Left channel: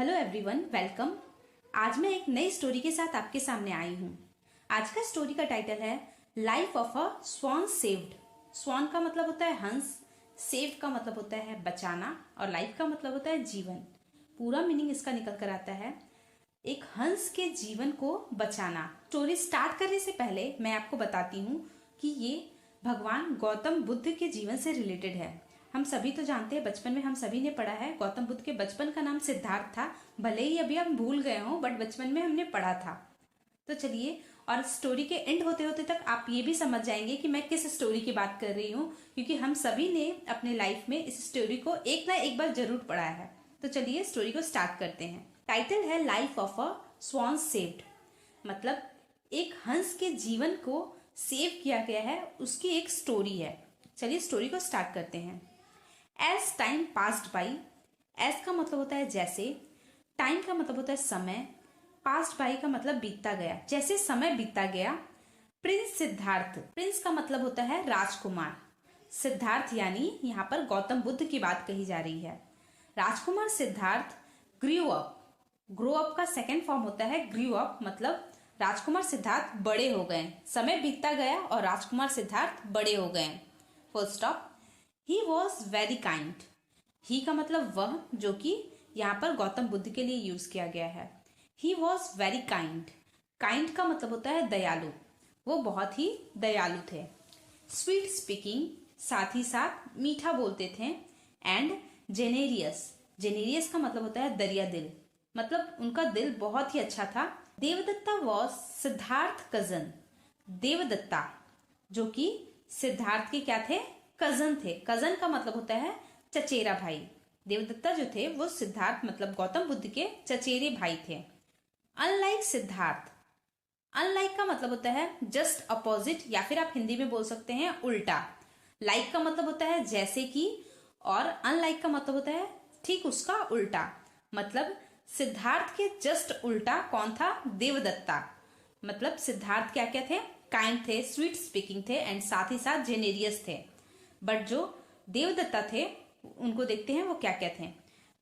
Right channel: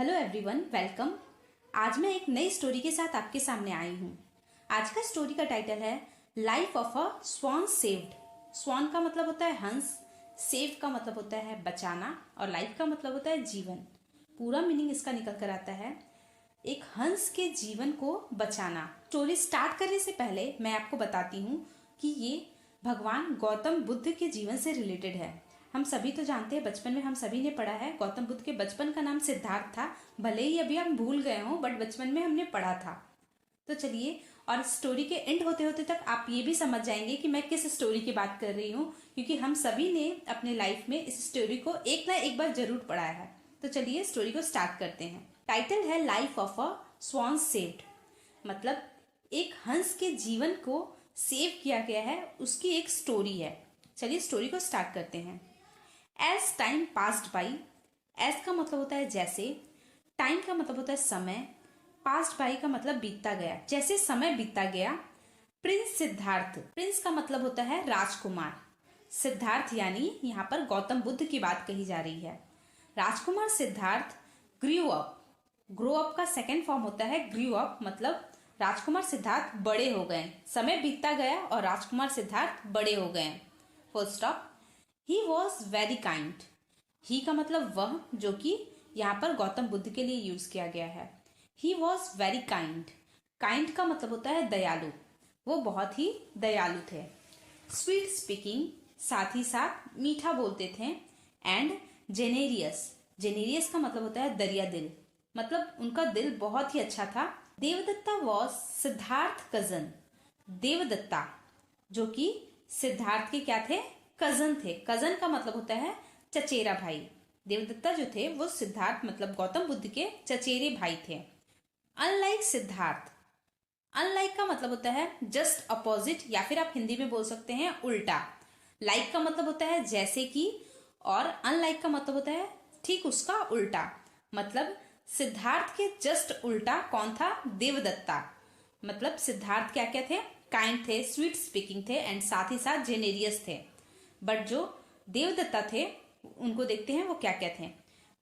Hello everyone, welcome. आज मैं एक नई स्टोरी के साथ आपके सामने आई हूँ। आज का स्टोरी का टाइटल है life of a swan saved. Swan का मतलब होता है हंस, सेव्ड का मतलब होता है बचाना और लाइफ का मतलब होता है जीवन। पूरा मीनिंग इसका निकल कर आता है एक हंस के जीवन को बचाना। स्टोरी स्टार्ट करने से पहले मैं आपको बताती हूँ कि ये भगवान गौतम बुद्ध के जीवन से रिलेटेड है। हम सभी तो जानते हैं, बचपन में हम सभी ने पढ़ा है गौतम बुद्ध के बचपन का नाम सिद्धार्थ था। भले ही अभी हम भूल गए हों, बट बचपन में हमने पढ़ा था। तो चलिए, और स्टोरी के एंड होते होते तक आप ये भी समझ जाएंगे कि मैं किस स्टोरी की बात कर रही हूँ, क्योंकि हम सभी ने अपने लाइफ में इस स्टोरी को एक ना एक बार जरूर पढ़ा है। तो चलिए स्टोरी को स्टार्ट करते हैं। टाइटल है life of a swan saved, मतलब एक हंस के जीवन को सेव किया गया है, उसकी एक स्टोरी है। चलिए स्टोरी को स्टार्ट करते हैं। As time passed by, as का मतलब होता है जैसे, टाइम का मतलब होता है समय, पास्ट बाई का मतलब बीतता गया, जैसे समय बीतता गया। प्रिंस सिद्धार्थ, प्रिंस का मतलब होता है राजकुमार, सिद्धार्थ यानी यहाँ पर गौतम बुद्ध की बात कही जा रही है। राजकुमार Siddhartha grew up, grow up का सेकेंड फॉर्म होता है ग्रू अप, मतलब राजकुमार सिद्धार्थ बड़े हो गए। समय बीतता गया और राजकुमार सिद्धार्थ बड़े हो गए। Full stop. He was very kind, he का मतलब वह, जो कि यहाँ पर गौतम बुद्ध के लिए यूज किया गया है। ही वॉज वेरी काइंड, काइंड का मतलब होता है दयालु, वो बहुत ही दयालु थे। स्वीट स्पीकिंग, साथ ही साथ मीठा बोलते थे। एंड जेनेरियस, जेनेरियस का मतलब होता है दरिया दिल, मतलब उनका दिल बहुत ही अच्छा था। देवदत्ता वॉज सिद्धार्थ कजन, देवदत्ता जो कि सिद्धार्थ के क्या थे, कजन थे। कजन का मतलब होता है चचेरा भाई। देवदत्ता जो थे वो सिद्धार्थ मतलब गौतम बुद्ध के चचेरे भाई थे। अनलाइक सिद्धार्थ, अनलाइक का मतलब होता है जस्ट अपोजिट, या फिर आप हिंदी में बोल सकते हैं उल्टा। लाइक का मतलब होता है जैसे कि, और अनलाइक का मतलब होता है ठीक उसका उल्टा। मतलब सिद्धार्थ के जस्ट उल्टा कौन था, देवदत्ता। मतलब सिद्धार्थ क्या क्या थे, काइंड थे, स्वीट स्पीकिंग थे, एंड साथ ही साथ जेनेरियस थे। बट जो देवदत्ता थे उनको देखते हैं वो क्या क्या थे।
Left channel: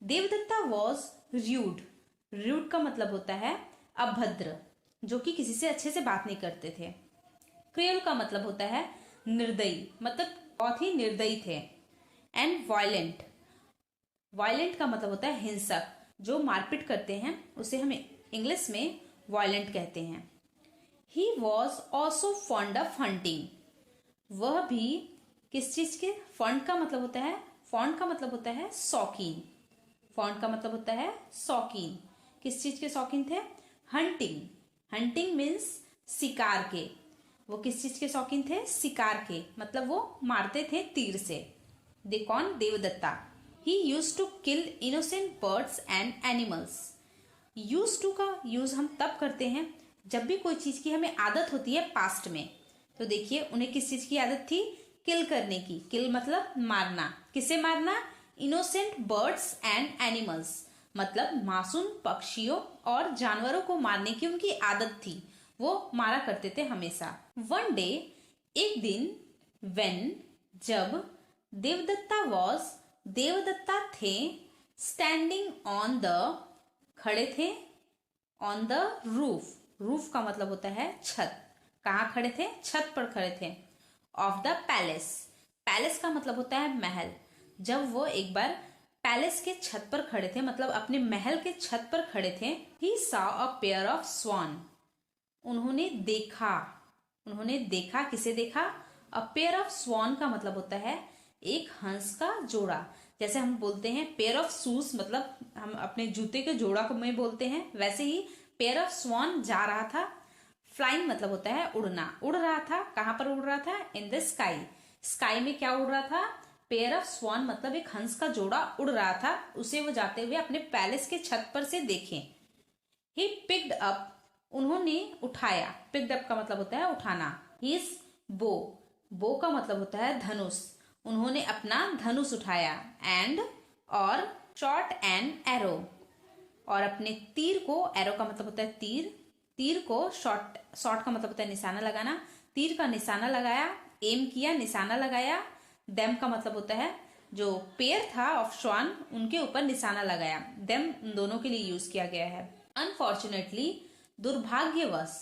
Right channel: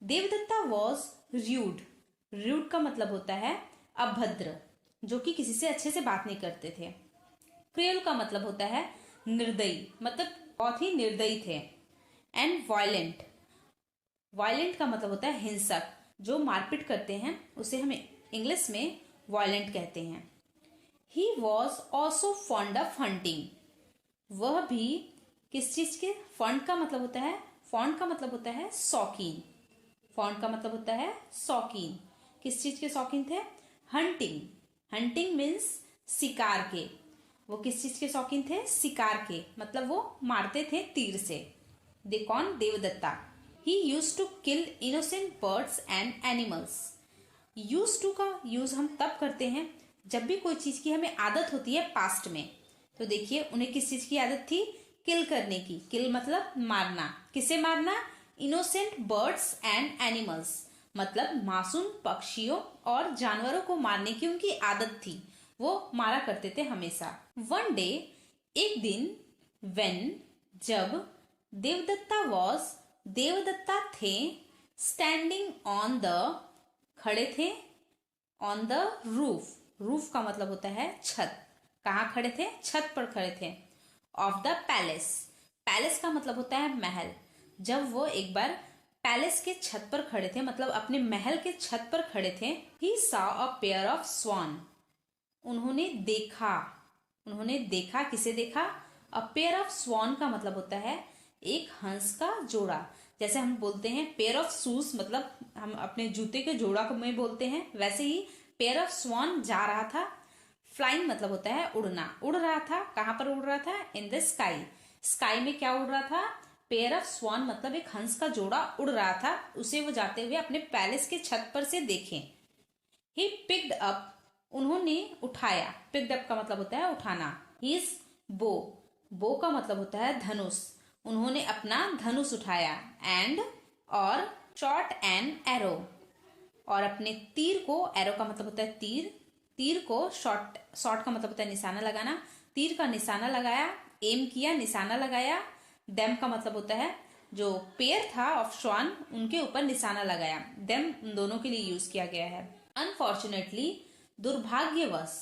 देवदत्ता वॉज र्यूड, र्यूड का मतलब होता है अभद्र, जो कि किसी से अच्छे से बात नहीं करते थे। क्रूएल का मतलब होता है निर्दयी, मतलब बहुत ही निर्दयी थे। एंड वायलेंट, वायलेंट का मतलब होता है हिंसक, जो मारपीट करते हैं उसे हम इंग्लिश में वायलेंट कहते हैं। He was also fond of hunting, वह भी किस चीज के, फॉन्ड का मतलब होता है, फॉन्ड का मतलब होता है शौकीन, फॉन्ड का मतलब होता है शौकीन। किस चीज के शौकीन थे, हंटिंग, हंटिंग मीन्स शिकार के। वो किस चीज के शौकीन थे, शिकार के, मतलब वो मारते थे तीर से। दे कौन, Devadatta. He used to kill innocent birds and animals. Used to का यूज हम तब करते हैं जब भी कोई चीज की हमें आदत होती है पास्ट में। तो देखिए उन्हें किस चीज की आदत थी, किल करने की। किल मतलब मारना, किसे मारना, इनोसेंट बर्ड्स एंड एनिमल्स, मतलब मासूम पक्षियों और जानवरों को मारने की उनकी आदत थी, वो मारा करते थे हमेशा। वन डे, एक दिन, व्हेन जब, देवदत्ता वॉज, देवदत्ता थे, स्टैंडिंग ऑन द, खड़े थे, ऑन द रूफ, रूफ का मतलब होता है छत, कहाँ खड़े थे, छत पर खड़े थे। ऑफ द पैलेस, पैलेस का मतलब होता है महल। जब वो एक बार पैलेस के छत पर खड़े थे, मतलब अपने महल के छत पर खड़े थे, he saw a pair of swan, उन्होंने देखा, उन्होंने देखा, किसे देखा, अ पेयर ऑफ स्वान का मतलब होता है एक हंस का जोड़ा। जैसे हम बोलते हैं पेयर ऑफ शूज, मतलब हम अपने जूते के जोड़ा को में बोलते हैं, वैसे ही पेयर ऑफ स्वान जा रहा था। फ्लाइंग मतलब होता है उड़ना, उड़ रहा था, कहां पर उड़ रहा था, इन द स्काई, स्काई में क्या उड़ रहा था, पेयर ऑफ स्वान मतलब एक हंस का जोड़ा उड़ रहा था, उसे वो जाते हुए अपने पैलेस के छत पर से देखे। ही पिक्ड अप, उन्होंने उठाया, पिक्ड अप का मतलब होता है उठाना। हिज बो, बो का मतलब होता है धनुष, उन्होंने अपना धनुष उठाया। एंड, और शॉट एन एरो, और अपने तीर को, एरो का मतलब होता है तीर, तीर को, शॉट, शॉट का मतलब होता है निशाना लगाना, तीर का निशाना लगाया, एम किया, निशाना लगाया। डेम का मतलब होता है जो पेयर था ऑफ श्वान उनके ऊपर निशाना लगाया। देम उन दोनों के लिए यूज किया गया है। अनफॉर्चुनेटली, दुर्भाग्यवश।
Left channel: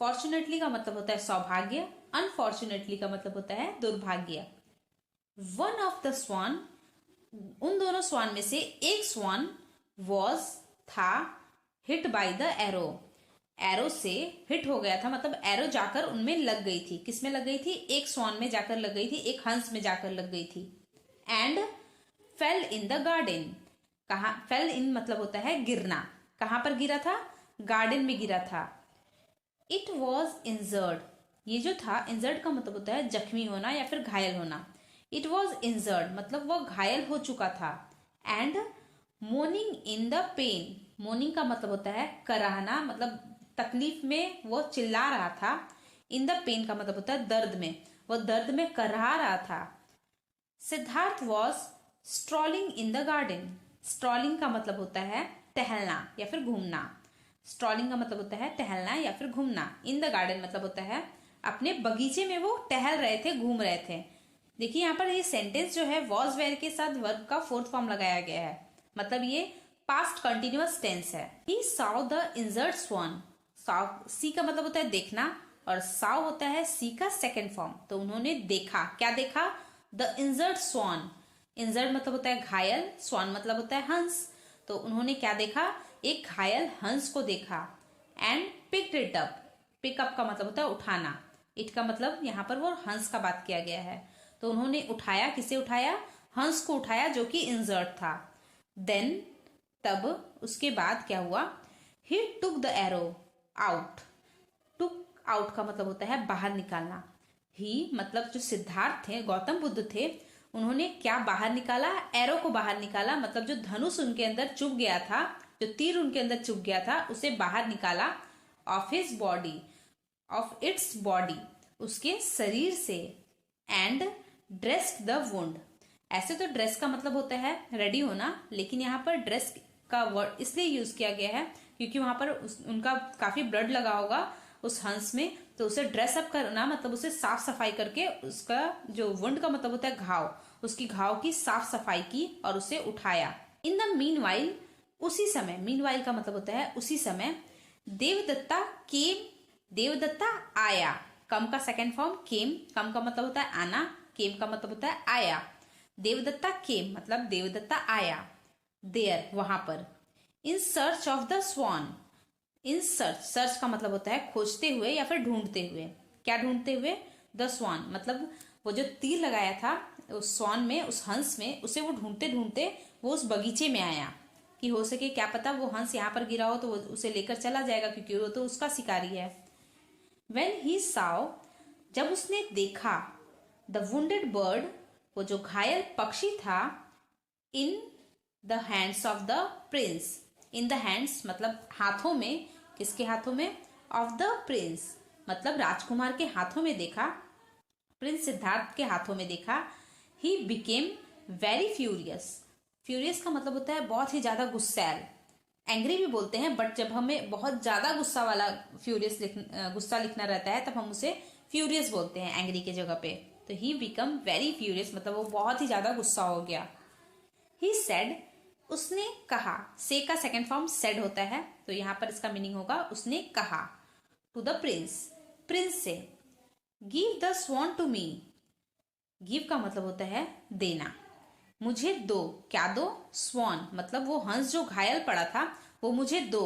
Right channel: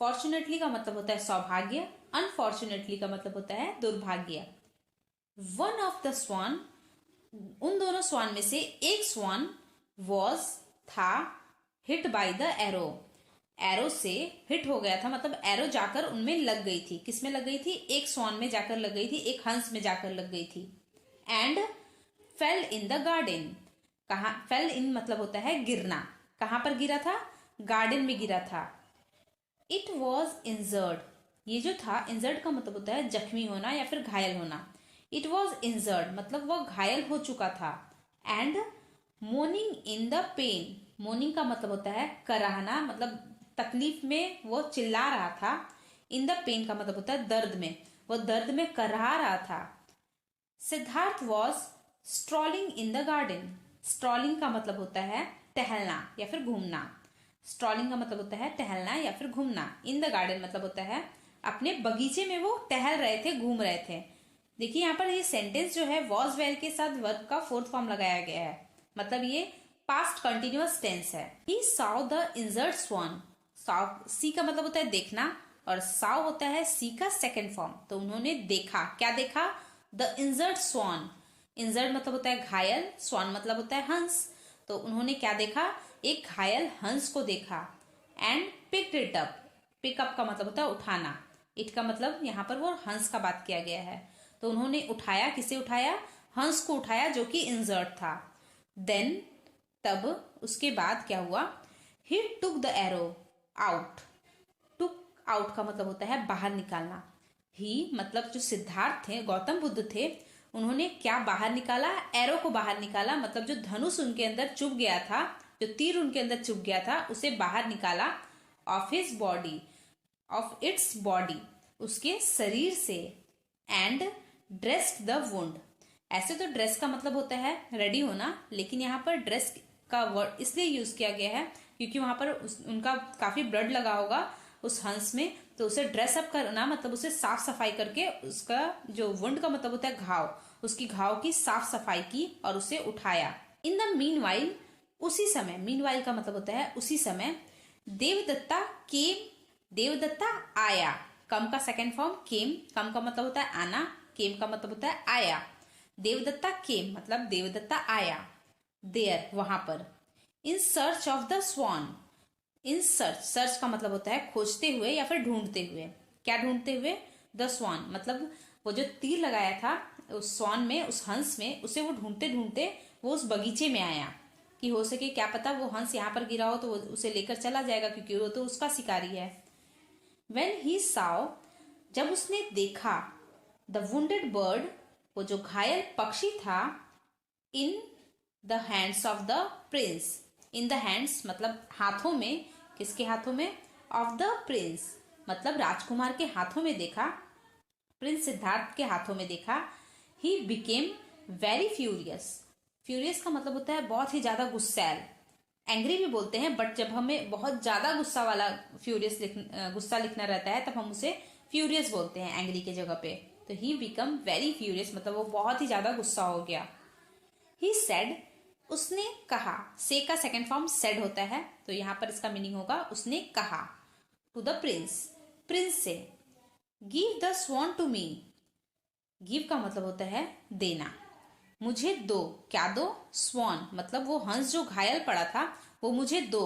फॉर्चुनेटली का मतलब होता है सौभाग्य, अनफॉर्चुनेटली का मतलब होता है दुर्भाग्य। वन ऑफ द स्वान, उन दोनों स्वान में से एक स्वान वॉज था hit by the arrow, arrow से हिट हो गया था, मतलब एरो जाकर उनमें लग गई थी। किसमें लग गई थी? एक स्वान में जाकर लग गई थी, एक हंस में जाकर लग गई थी। And fail in the garden, कहा फेल इन मतलब होता है गिरना, कहां पर गिरा था? गार्डन में गिरा था। इट वॉज इंजर्ड, ये जो था इंजर्ड का मतलब होता है जख्मी होना या फिर घायल होना। इट वॉज इंजर्ड मतलब वह घायल हो चुका था। And mourning in the pain, mourning का मतलब होता है कराहना, मतलब तकलीफ में वो चिल्ला रहा था। इन द पेन का मतलब होता है दर्द में, वो दर्द में कराह रहा था। Siddharth was strolling in the garden, strolling का मतलब होता है टहलना या फिर घूमना। स्ट्रॉलिंग का मतलब होता है टहलना या फिर घूमना। इन द गार्डन मतलब होता है अपने बगीचे में वो टहल रहे थे, घूम रहे थे। देखिए यहाँ पर ये सेंटेंस जो है वॉज वेयर के साथ वर्ब का फोर्थ फॉर्म लगाया गया है, मतलब ये पास्ट कंटिन्यूअस टेंस है। ही saw द इंजर्ड स्वान, सी का मतलब होता है देखना और साव होता है सी का सेकेंड फॉर्म। तो उन्होंने देखा, क्या देखा? द इंजर्ड स्वान, इंजर्ड मतलब होता है घायल, स्वान मतलब होता है हंस। तो उन्होंने क्या देखा? एक घायल हंस को देखा। And picked it up, pickup का मतलब होता है उठाना, इट का मतलब यहाँ पर वो हंस का बात किया गया है। तो उन्होंने उठाया, किसे उठाया? हंस को उठाया जो कि इंजर्ड था। देन तब उसके बाद क्या हुआ? He took the arrow out, took out का मतलब होता है बाहर निकालना। ही मतलब जो सिद्धार्थ थे, गौतम बुद्ध थे, उन्होंने क्या बाहर निकाला? एरो को बाहर निकाला, मतलब जो धनुष उनके अंदर चुभ गया था, जो तीर उनके अंदर चुभ गया था, उसे बाहर निकाला। Of his body, of its body, उसके शरीर से। एंड ड्रेस्ड द वुंड, ऐसे तो ड्रेस का मतलब होता है रेडी होना, लेकिन यहाँ पर ड्रेस का वर्ड इसलिए यूज किया गया है क्योंकि वहां पर उनका काफी ब्लड लगा होगा उस हंस में, तो उसे ड्रेसअप करना मतलब उसे साफ सफाई करके, उसका जो वुंड का मतलब होता है घाव, उसकी घाव की साफ सफाई की और उसे उठाया। इन द मीन वाइल, उसी समय, मीन वाइल का मतलब होता है उसी समय। देवदत्ता केम, देवदत्ता आया, कम का सेकेंड फॉर्म केम, कम का मतलब होता है आना, केम का मतलब होता है आया। देवदत्ता केम मतलब देवदत्ता आया। देयर वहां पर। In search of the swan, in search, search का मतलब होता है खोजते हुए या फिर ढूंढते हुए। क्या ढूंढते हुए? द स्वान मतलब वो जो तीर लगाया था उस स्वान में, उस हंस में, उसे वो ढूंढते ढूंढते वो उस बगीचे में आया कि हो सके क्या पता वो हंस यहाँ पर गिरा हो तो वो उसे लेकर चला जाएगा क्योंकि वो तो उसका शिकारी है। When he saw, जब उसने देखा, द वुंडेड बर्ड, वो जो घायल पक्षी था, in the hands of the Prince, in the hands मतलब हाथों में, किसके हाथों में? ऑफ द प्रिंस मतलब राजकुमार के हाथों में देखा, प्रिंस सिद्धार्थ के हाथों में देखा। He became very furious, furious का मतलब होता है बहुत ही ज्यादा गुस्सैल, एंग्री भी बोलते हैं, बट जब हमें बहुत ज्यादा गुस्सा वाला फ्यूरियस गुस्सा लिखना रहता है तब हम उसे फ्यूरियस बोलते हैं एंग्री के जगह पे। तो ही बिकम वेरी फ्यूरियस मतलब वो बहुत ही ज्यादा गुस्सा हो गया। ही सेड, उसने कहा, से का सेकेंड फॉर्म सेड होता है, तो यहाँ पर इसका मीनिंग होगा उसने कहा। टू द प्रिंस, प्रिंस से। Give the swan to me, give का मतलब होता है देना, मुझे दो, क्या दो? स्वान मतलब वो हंस जो घायल पड़ा था वो मुझे दो।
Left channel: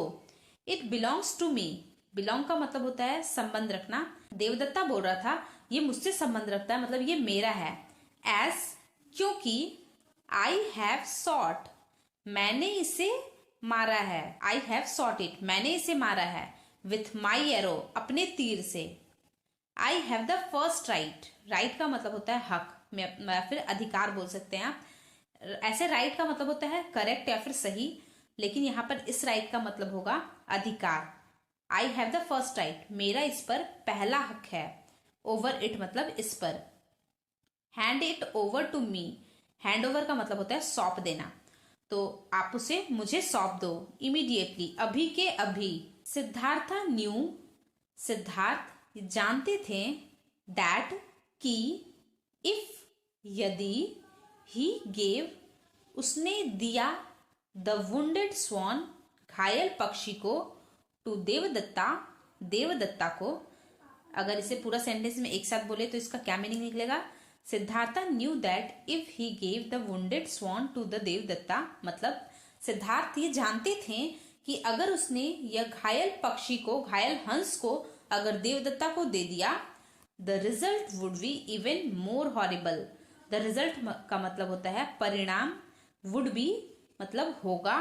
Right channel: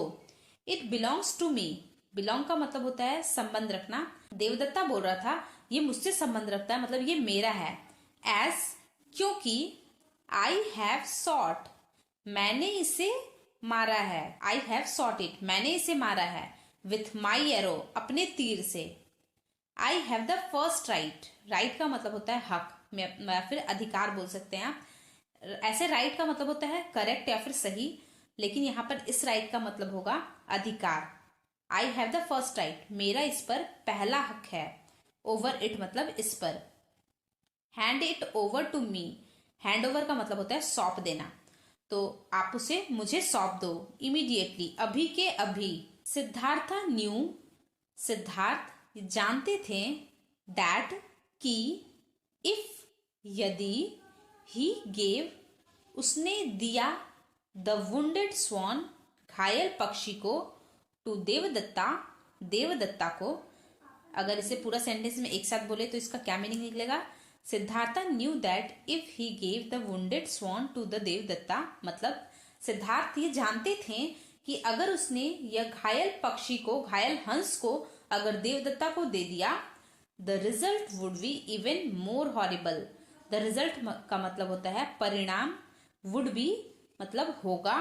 It belongs to me, belong का मतलब होता है संबंध रखना। देवदत्ता बोल रहा था ये मुझसे संबंध रखता है, मतलब ये मेरा है। एज, क्योंकि, आई हैव सॉट, मैंने इसे मारा है। आई हैव सॉट इट, मैंने इसे मारा है। विथ माई एरो, अपने तीर से। I have the first right, right का मतलब होता है हक या फिर अधिकार बोल सकते हैं आप। ऐसे राइट का मतलब होता है करेक्ट या फिर सही, लेकिन यहाँ पर इस राइट का मतलब होगा अधिकार। I have the first right, मेरा इस पर पहला हक है। ओवर इट मतलब इस पर। Hand it over to me, hand over का मतलब होता है सौंप देना, तो आप उसे मुझे सौंप दो इमीडिएटली, अभी के अभी। सिद्धार्था न्यू, सिद्धार्थ जानते थे, दैट की, इफ यदि, ही गेव, उसने दिया, द वुंडेड स्वान, घायल पक्षी को, टू देवदत्ता, देवदत्ता को। अगर इसे पूरा सेंटेंस में एक साथ बोले तो इसका क्या मीनिंग निकलेगा? Siddhartha knew that if he gave the wounded swan to the Devadatta, मतलब सिद्धार्थ ये जानते थे कि अगर उसने यह घायल पक्षी को, घायल हंस को अगर देवदत्ता को दे दिया, the result would be even more horrible. The result का मतलब होता है परिणाम, वुड बी मतलब होगा,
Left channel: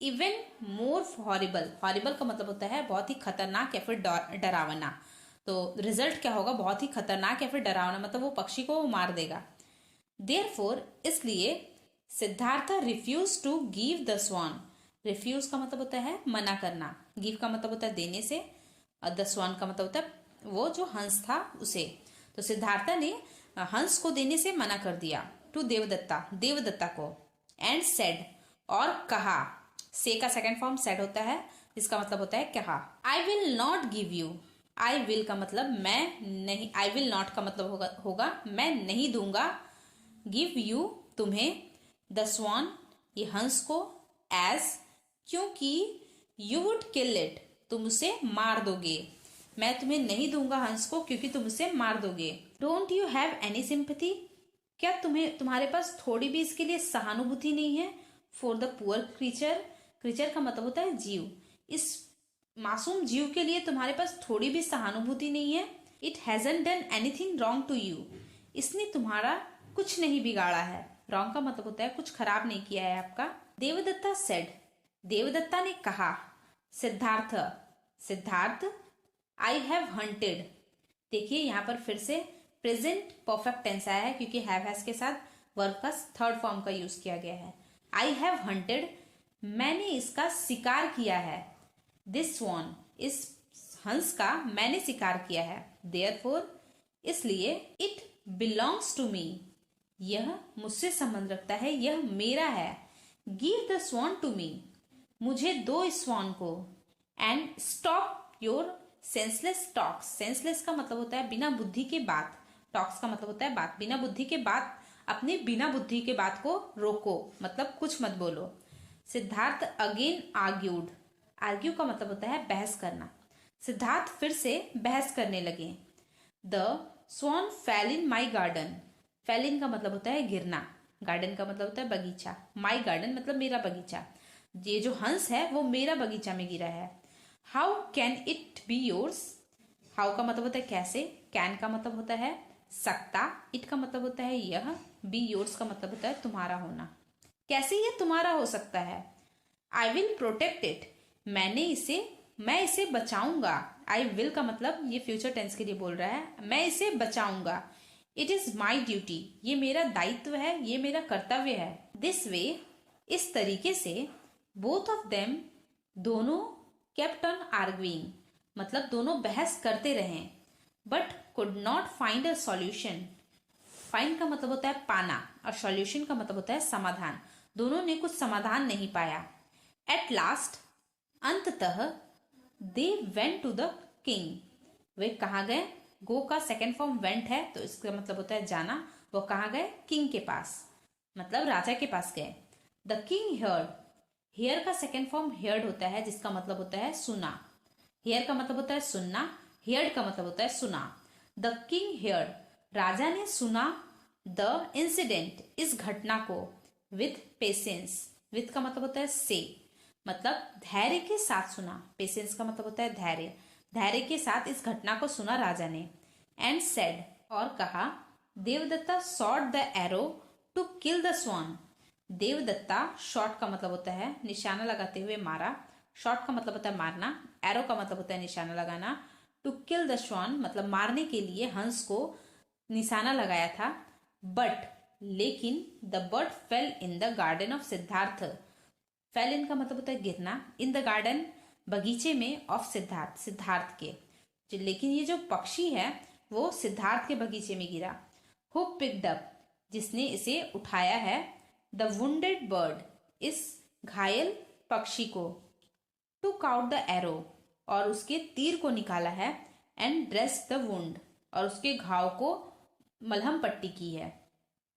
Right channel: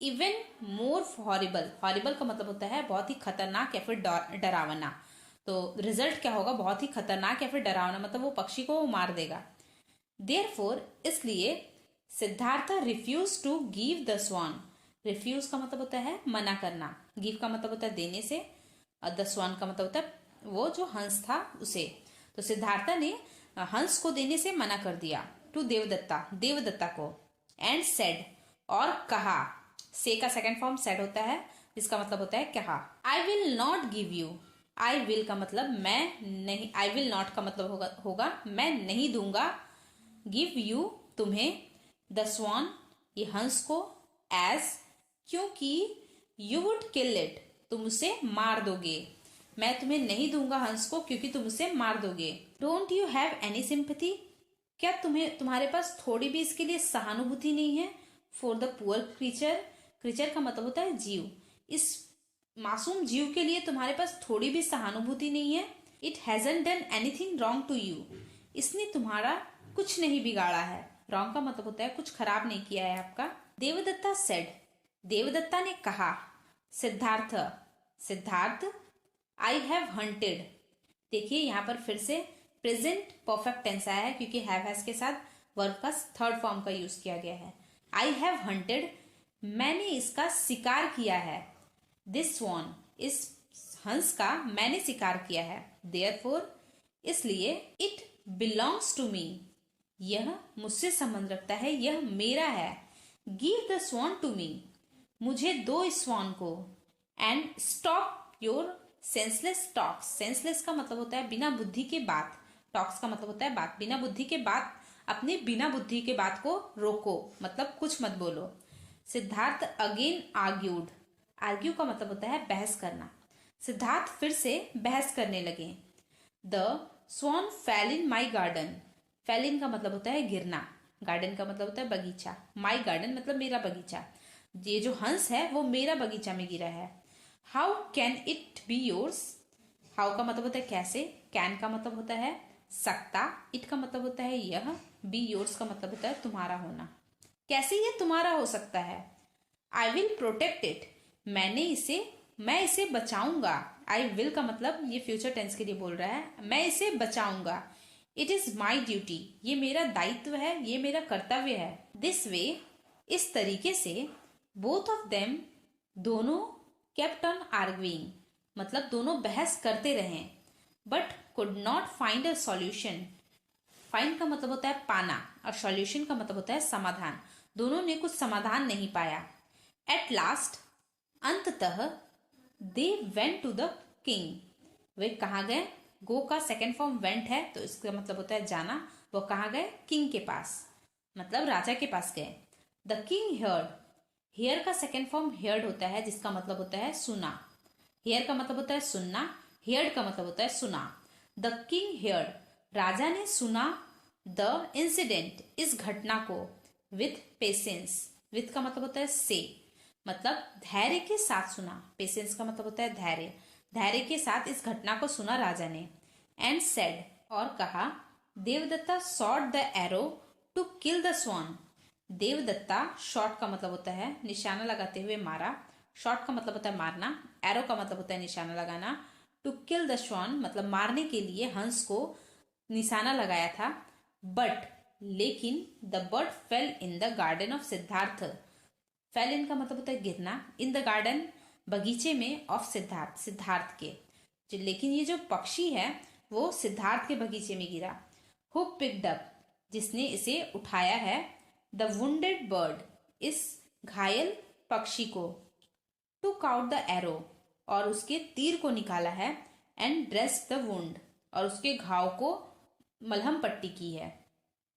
इवन मोर हॉरिबल, हॉरिबल का मतलब होता है बहुत ही खतरनाक या फिर डरावना। तो रिजल्ट क्या होगा? बहुत ही खतरनाक या फिर डरावना, मतलब वो पक्षी को मार देगा। देयरफॉर, इसलिए Siddhartha refuse to give the swan. Refuse का मतलब होता है मना करना, गिव का मतलब होता है देने से, और द स्वान का मतलब होता है वो जो हंस था उसे। तो सिद्धार्थ ने हंस को देने से मना कर दिया, टू देवदत्ता, देवदत्ता को। एंड सेड, और कहा, से का सेकंड फॉर्म सेड होता है, इसका मतलब होता है कहा। I will not give you, I will का मतलब मैं नहीं, आई विल नॉट का मतलब होगा मैं नहीं दूंगा, गिव यू तुम्हें, द स्वान ये हंस को, एज क्योंकि, यू वुड किल इट तुम उसे मार दोगे, मैं तुम्हें नहीं दूंगा हंस को क्योंकि तुम उसे मार दोगे। Don't you have any sympathy, क्या तुम्हारे पास थोड़ी भी इसके लिए सहानुभूति नहीं है? For the poor creature, creature का मतलब होता है जीव, इस मासूम जीव के लिए तुम्हारे पास थोड़ी भी सहानुभूति नहीं है। It hasn't done anything wrong to you, इसने तुम्हारा कुछ नहीं बिगाड़ा है। रॉन्ग का मतलब होता है कुछ खराब नहीं किया है आपका। देवदत्ता सेड, देवदत्ता ने कहा, Siddhartha, Siddhartha, I have hunted. देखिए यहाँ पर फिर से प्रेजेंट परफेक्ट टेंस आया है क्योंकि हैव के साथ वर्ब का थर्ड फॉर्म का यूज किया गया है। आई हैव हंटेड, मैंने इसका शिकार किया है, दिस स्वान, इस हंस का मैंने शिकार किया है। देयरफॉर, इसलिए, इट बिलोंग्स टू मी, यह मुझसे संबंध रखता है, यह मेरा है। Give the swan to me, मुझे दो इस स्वान को। And stop your senseless talks, senseless का मतलब होता है बिना बुद्धि के बात, टॉक्स का मतलब होता है बात, बिना बुद्धि के बात, अपनी बिना बुद्धि के बात को रोको, मतलब कुछ मत बोलो। सिद्धार्थ अगेन आर्ग्यूड, आर्ग्यू का मतलब होता है बहस करना। सिद्धार्थ फिर से बहस करने लगे। The swan fell in my garden, fell in का मतलब होता है गिरना, गार्डन का मतलब होता है बगीचा, माई गार्डन मतलब मेरा बगीचा, ये जो हंस है वो मेरा बगीचा में गिरा है। How can it be yours, how का मतलब होता है कैसे, कैन का मतलब होता है सकता, इट का मतलब होता है यह, बी योर्स का मतलब होता है तुम्हारा होना, कैसे ये तुम्हारा हो सकता है। आई विल प्रोटेक्ट इट, मैं इसे बचाऊंगा। आई विल का मतलब ये फ्यूचर टेंस के लिए बोल रहा है, मैं इसे बचाऊंगा। इट इज माई ड्यूटी, ये मेरा दायित्व है, ये मेरा कर्तव्य है। दिस वे, इस तरीके से, बोथ ऑफ देम, दोनों, केप्ट ऑन आर्ग्यूइंग, मतलब दोनों बहस करते रहे, but could not find a solution. Find का मतलब होता है पाना और सॉल्यूशन का मतलब होता है समाधान, दोनों ने कुछ समाधान नहीं पाया। एट लास्ट, अंततः, they went to the king, वे कहाँ गए? गो का सेकेंड फॉर्म वेंट है तो इसका मतलब होता है जाना, वो कहाँ गए? किंग के पास, मतलब राजा के पास गए। द किंग हियर्ड, हियर का सेकेंड फॉर्म हियर्ड होता है जिसका मतलब होता है सुना, हियर का मतलब होता है सुनना, हियर्ड का मतलब होता है सुना। द किंग हियर्ड, राजा ने सुना, द इंसिडेंट, इस घटना को, विथ पेशेंस, विथ का मतलब होता है से, मतलब धैर्य के साथ सुना, पेशेंस का मतलब होता है धैर्य, धैर्य के साथ इस घटना को सुना राजा ने। एंड सेड, और कहा, Devadatta shot the arrow to kill the swan, Devadatta, shot का मतलब होता है निशाना लगाते हुए मारा, शॉट का मतलब होता है मारना, एरो का मतलब होता है निशाना लगाना, टू किल द स्वान मतलब मारने के लिए हंस को निशाना लगाया था। बट, लेकिन, the bird fell in the garden of Siddhartha, fell in का मतलब होता है गिरना, इन द गार्डन बगीचे में, ऑफ सिद्धार्थ, सिद्धार्थ के, लेकिन ये जो पक्षी है वो सिद्धार्थ के बगीचे में गिरा। हु पिक्ड अप, जिसने इसे उठाया है, द वुंडेड बर्ड, इस घायल पक्षी को, टुक आउट द एरो, और उसके तीर को निकाला है, एंड ड्रेस द वुंड, और उसके घाव को मलहम पट्टी की है।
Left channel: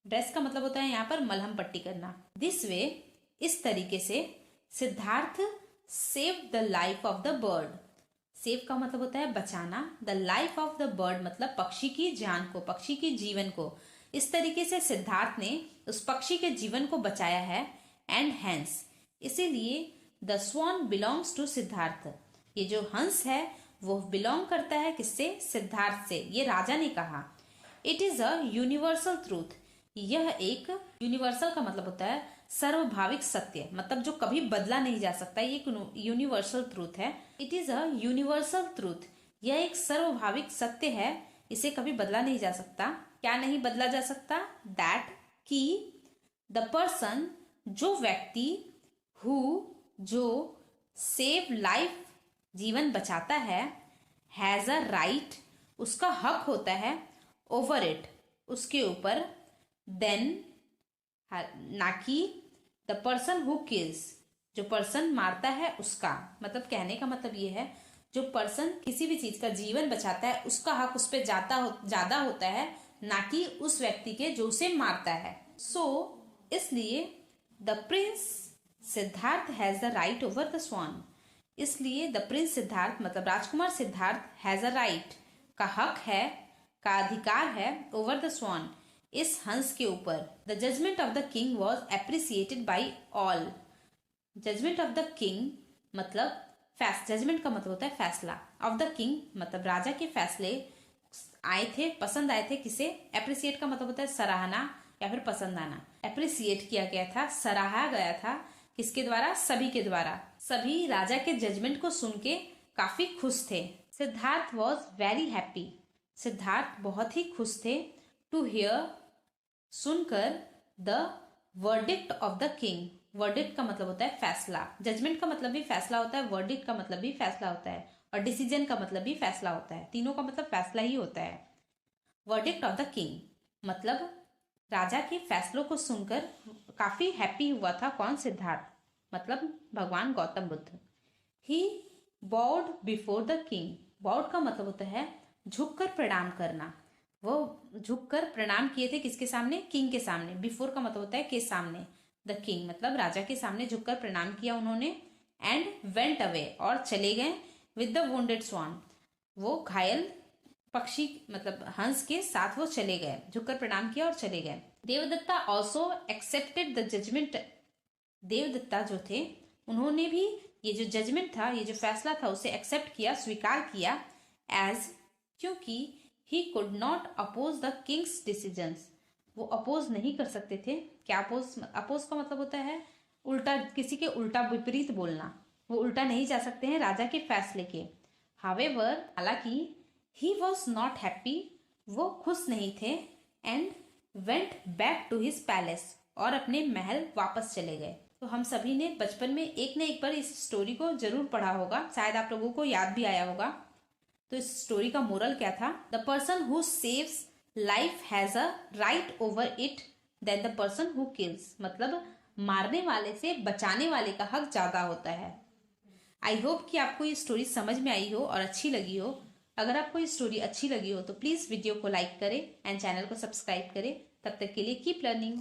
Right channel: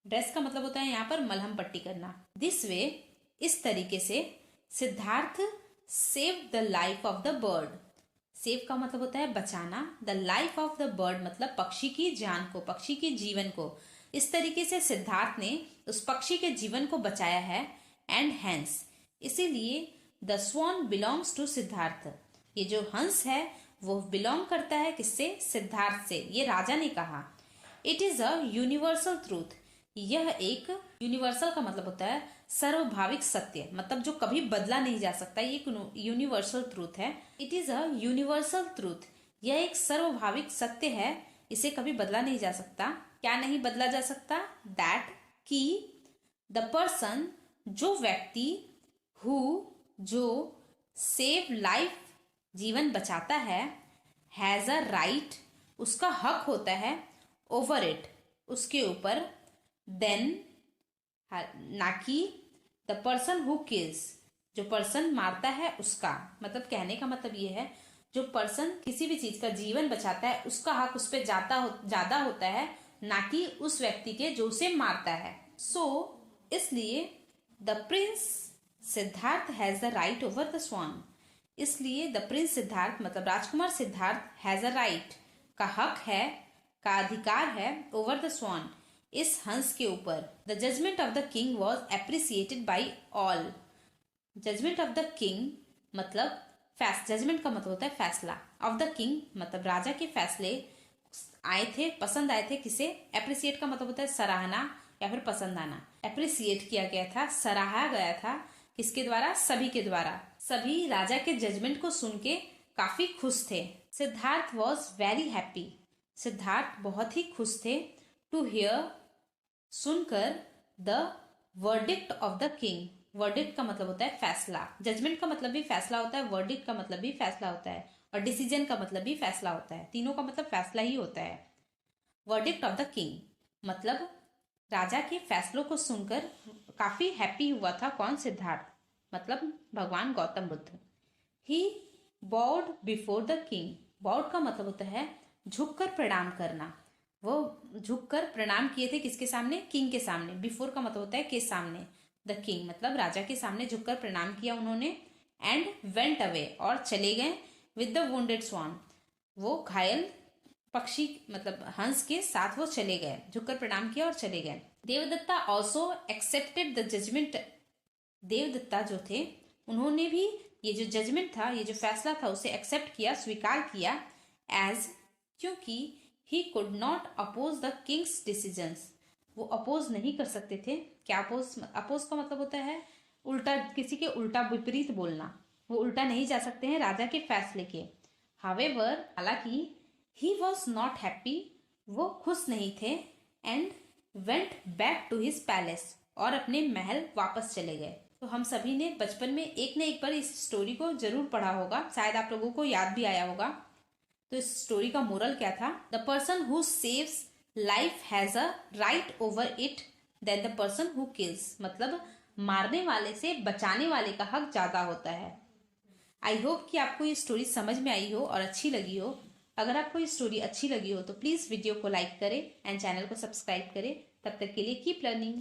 ड्रेस का मतलब होता है यहाँ पर मलहम पट्टी करना। दिस वे, इस तरीके से, Siddharth save the life of the bird. Save का मतलब होता है बचाना, the life of the bird मतलब पक्षी की जान को, पक्षी के जीवन को। इस तरीके से सिद्धार्थ ने उस पक्षी के जीवन को बचाया है। एंड हेंस, इसीलिए the swan belongs to Siddhartha. ये जो हंस है वो बिलोंग करता है किससे? सिद्धार्थ से। ये राजा ने कहा। It is a universal truth. यह एक, यूनिवर्सल का मतलब होता है सर्वभाविक सत्य, मतलब जो कभी बदला नहीं जा सकता। ये यूनिवर्सल ट्रूथ है। It is a universal truth. यह एक सर्वभाविक सत्य है, इसे कभी बदला नहीं जा सकता। क्या नहीं बदला जा सकता? दैट, कि द पर्सन, जो व्यक्ति, हु, जो, सेव लाइफ, जीवन बचाता है, हैज अ राइट, उसका हक होता है, ओवर इट, उसके ऊपर, देन, ना कि द पर्सन हु किल्स, जो पर्सन मारता है उसका। मतलब कहने का मतलब ये है, जो पर्सन किसी भी चीज का जीवन बचाता है उसका हक उस पर ज्यादा होता है, ना कि उस व्यक्ति के जो उसे मारता है। सो इसलिए the prince Siddhartha has the right over the swan. इसलिए द प्रिंस सिद्धार्थ मतलब राजकुमार सिद्धार्थ हैज अ राइट, का हक है, का अधिकार है, ओवर द स्वान, इस हंस के ऊपर। The judgement of the king was appreciated by all. Judgement of the king मतलब जजमेंट का मतलब होता है फैसला, ऑफ द किंग मतलब राजा के फैसले आए थे, पसंद आए थे। किसे? एप्रिसिएट का मतलब होता है सराहना या फिर पसंद आना। एप्रिसिएट किया गया था, सराहा गया था, किसके द्वारा? सभी के द्वारा। सभी राजा के जजमेंट को सुन के काफी खुश थे। Siddharth was very happy. Siddharth बहुत ही खुश थे। टू हियर, सुनकर, the verdict of the king. Verdict का मतलब होता है फैसला। जजमेंट का मतलब भी फैसला होता है, वर्डिक्ट का मतलब भी फैसला होता है, और डिसीजन का मतलब भी फैसला होता है। तीनों का मतलब फैसला ही होता है। वर्डिक्ट ऑफ द किंग मतलब राजा के फैसलों को सुनकर काफी हैप्पी हुआ था। कौन? सिद्धार्थ, मतलब भगवान गौतम बुद्ध। ही बॉउड बिफोर द किंग। बॉउड का मतलब होता है झुककर प्रणाम करना। वो झुककर प्रणाम किए थे किसके सामने? किंग के सामने। बिफोर का मतलब होता है के सामने। द किंग मतलब राजा के सामने झुककर प्रणाम किया उन्होंने। एंड वेंट अवे और चले गए। विद द वुंडेड स्वान, वो घायल पक्षी मतलब हंस के साथ वो चले गए, झुककर प्रणाम किया और चले गए। Devadatta also accepted the judgement. Devadatta जो थे उन्होंने भी ये जो जजमेंट था, ये जो फैसला था, उसे एक्सेप्ट किया, स्वीकार किया। एज, क्योंकि he could not oppose the king's decisions, वो अपोज नहीं कर सकते थे। क्या अपोज? अपोज का मतलब होता है उल्टा, किसी के उल्टा विपरीत बोलना। वो उल्टा नहीं जा सकते हैं राजा के फैसले के। हावेवर, हालांकि, ही वॉज नॉट हैप्पी, वो खुश नहीं थे। And went back to his palace, और अपने महल वापस चले गए। तो हम सभी ने बचपन में एक न एक बार इस स्टोरी को जरूर पढ़ा होगा, शायद आप लोगों को याद भी आया होगा। तो इस स्टोरी का मोरल क्या था? The person who saves life has a right over it then the person who kills. मतलब मारने वाले से बचाने वाले का हक ज्यादा होता है। आई होप कि आपको ये स्टोरी समझ में आई हो और अच्छी लगी हो। अगर आपको ये स्टोरी अच्छी लगी हो तो प्लीज वीडियो को लाइक करें एंड चैनल को सब्सक्राइब करें। तब तक के लिए कीप लर्निंग।